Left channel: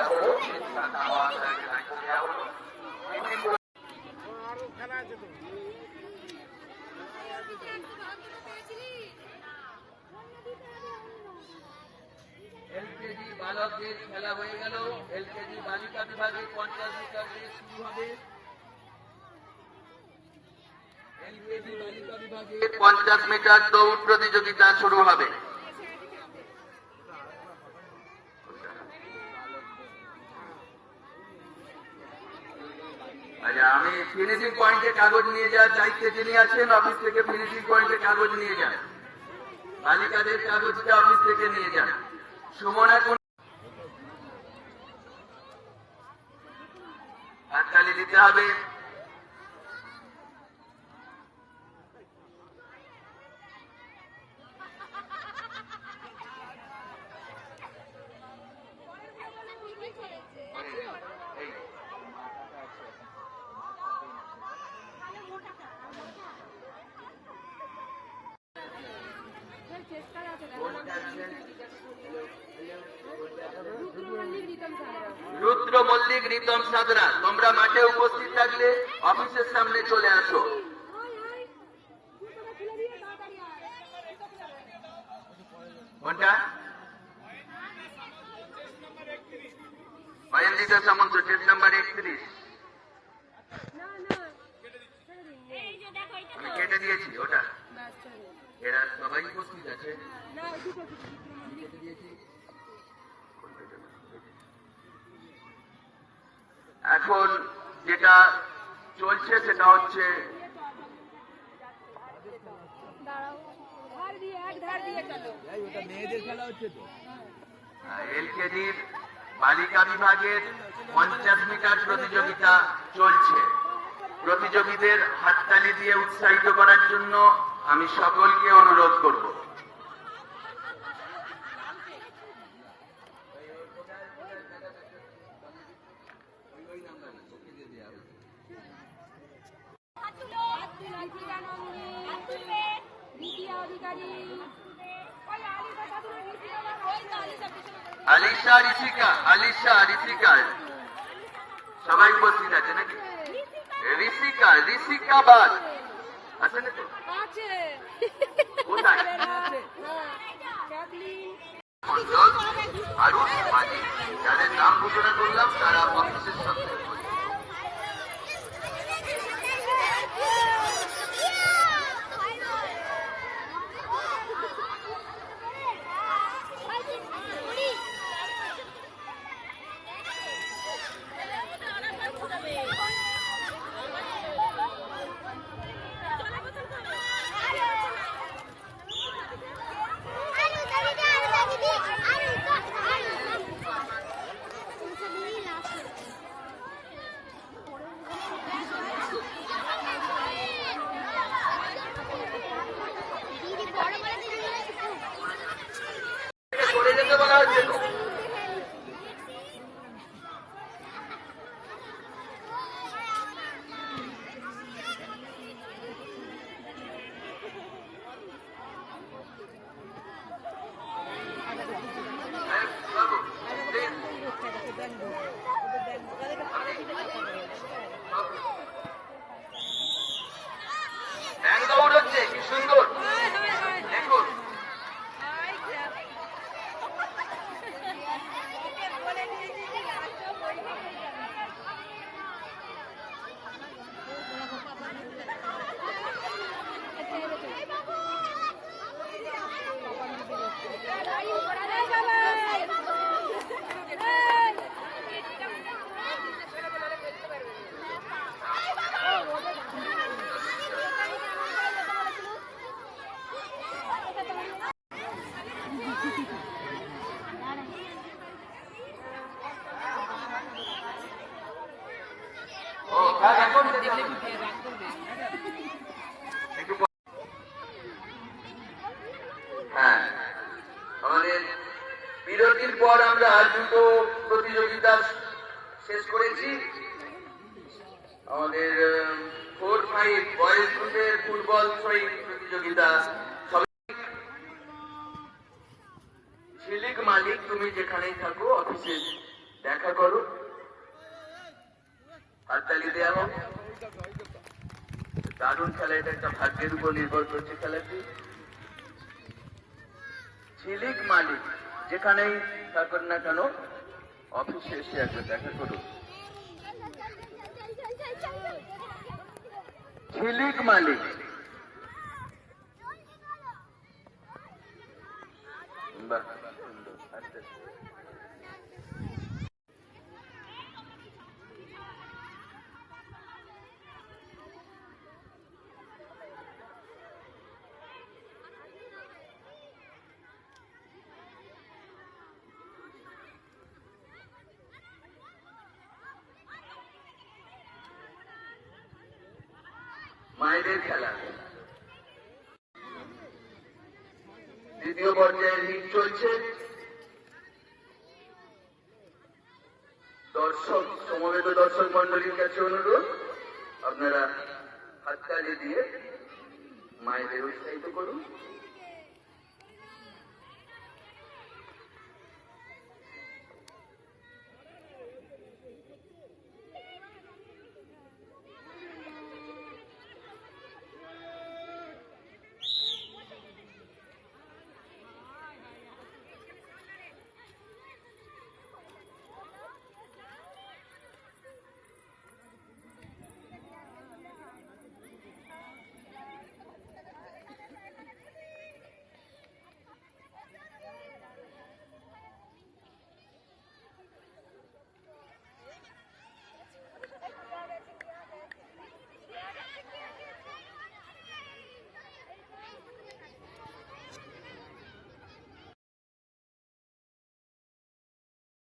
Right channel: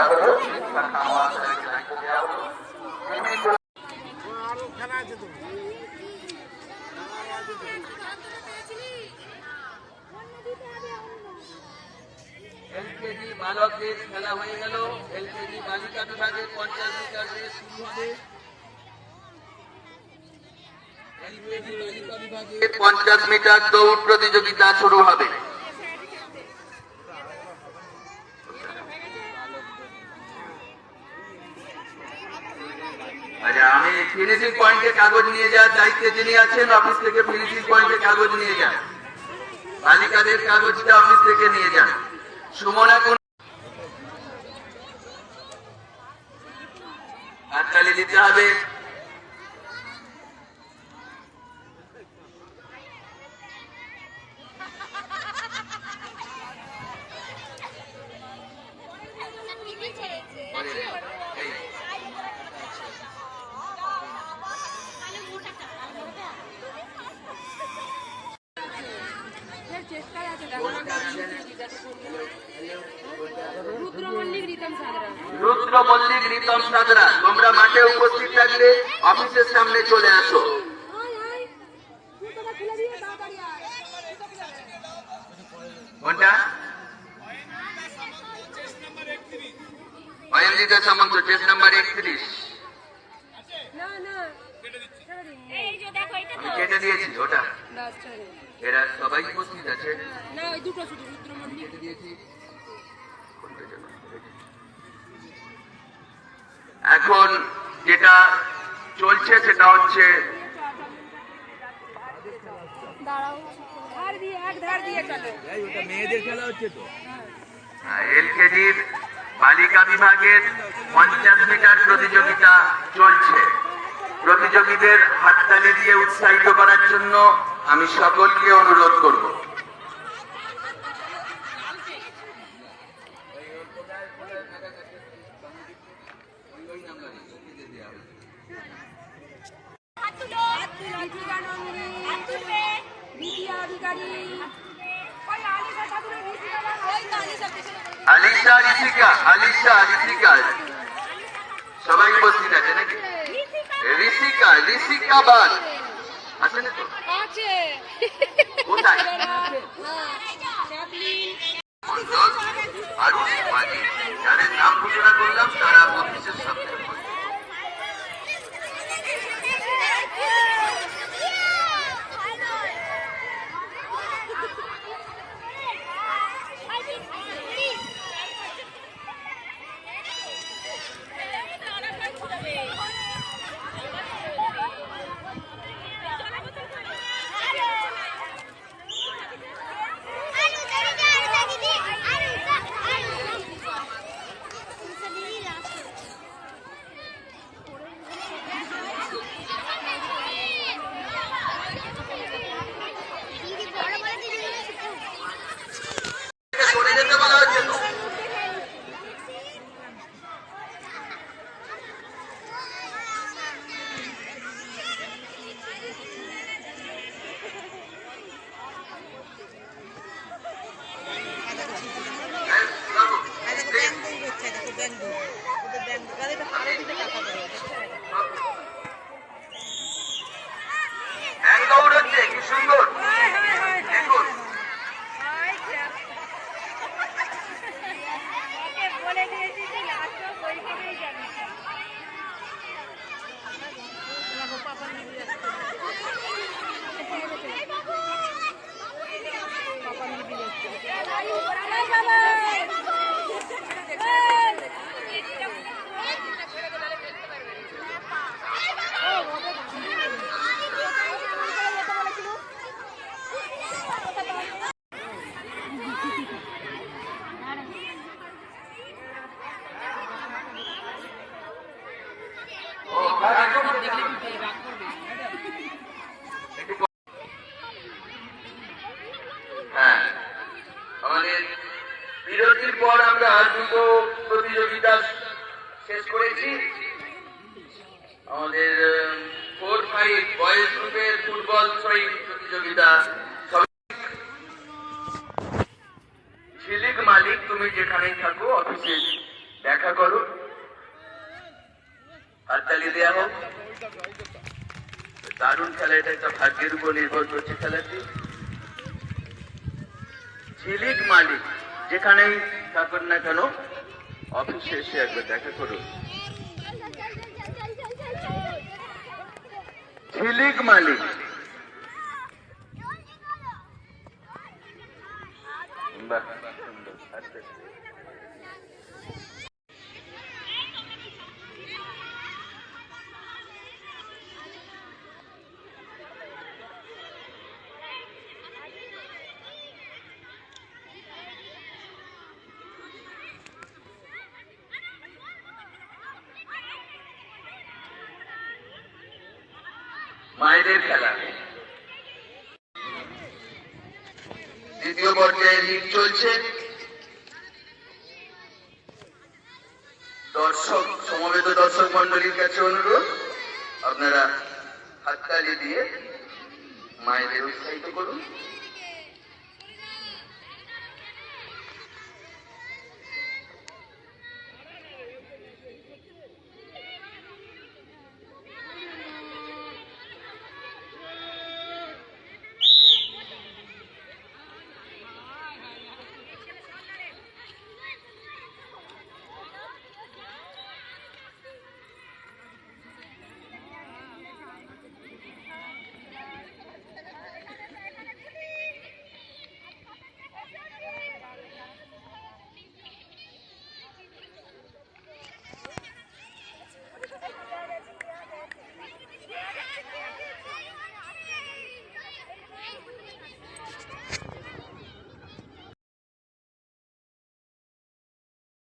দেওয়া হলো, দেওয়া হলো। এলকেজি বালকদের খেলা হয়ে গেল। এলকেজি বালিকা বিভাগের 50 মিটার রেস শুরু হবে। এলকেজি বালিকা বিভাগের 50 মিটার দৌড় প্রতিযোগিতা শুরু হবে। আচ্ছা, আমি ফিনিশিং পয়েন্টে কাগজ নিয়ে যাওয়ার দায়িত্বে যিনি আছেন, অফিস থেকে ফিনিশিং পয়েন্টে কাগজ নিয়ে যান। বালিকাদের কাগজটা অফিস থেকে নিয়ে যান। সুমনা হাততালি দিতে হবে। রুদ্র মল্লিক, রিতম সাদরা, তোমরা মাঠে উপস্থিত থাকলে অফিসের সামনে চলে আসো। কোনটা? অয়নজিৎ সামন্ত, চেস নাম্বার 31। আমি কেটে দিয়েছি ওটা। এরা সবাই উপস্থিত আছে। কেটে দিয়েছি। এখন যেটা চলছে সেটা হচ্ছে এলকেজির বালিকা বিভাগের 50 মিটার প্রতিযোগিতা চলছে। প্রতিযোগীদের হাততালি দিয়ে উৎসাহিত করার জন্য আমি সকলকে অনুরোধ করব। আলিশা, ঋষিকা, আলিশা, ঋষিকা সবাই উপস্থিত আছে নাকি? ঋষিকা, ঋষিকা বাল আছে না তো? কোথায়? মন্ডল, আরুষ মাঝি, যাদের নাম ঘোষণা করলাম তারা অফিসের সামনে। সুন্দর দেখুন। হ্যাঁ, আমাদের বিরতির পর আমরা দুটো প্রতিযোগিতা শেষ করেছি। আমাদের 4-5 বয়েজ গ্রুপের ফুটবল থ্রোয়িং প্রতিযোগিতা। ঝিলিক মালিক, তুমি যেখানেই থাকো অফিসে দেখা দেখা করুন, হাততালি দেওয়া হোক। দারুণ খেলা, এটা একটা ভাগ্যের উপর নির্ভর করছে খেলাটি। ঝিলিক মালিক যেখানেই থাকুন না কেন, অফিসে এসে একবার দেখা করুন। ঝিলিক মালিক, বাহ সুন্দর। আচ্ছা মায়েদের খেলা দ্বিতীয় পর্যায়ে লিগ চলছে। সমবেত দর্শক মন্ডলীর কাছে অনুরোধ, আপনারা হাততালি দিয়ে মায়েদের উৎসাহিত করুন।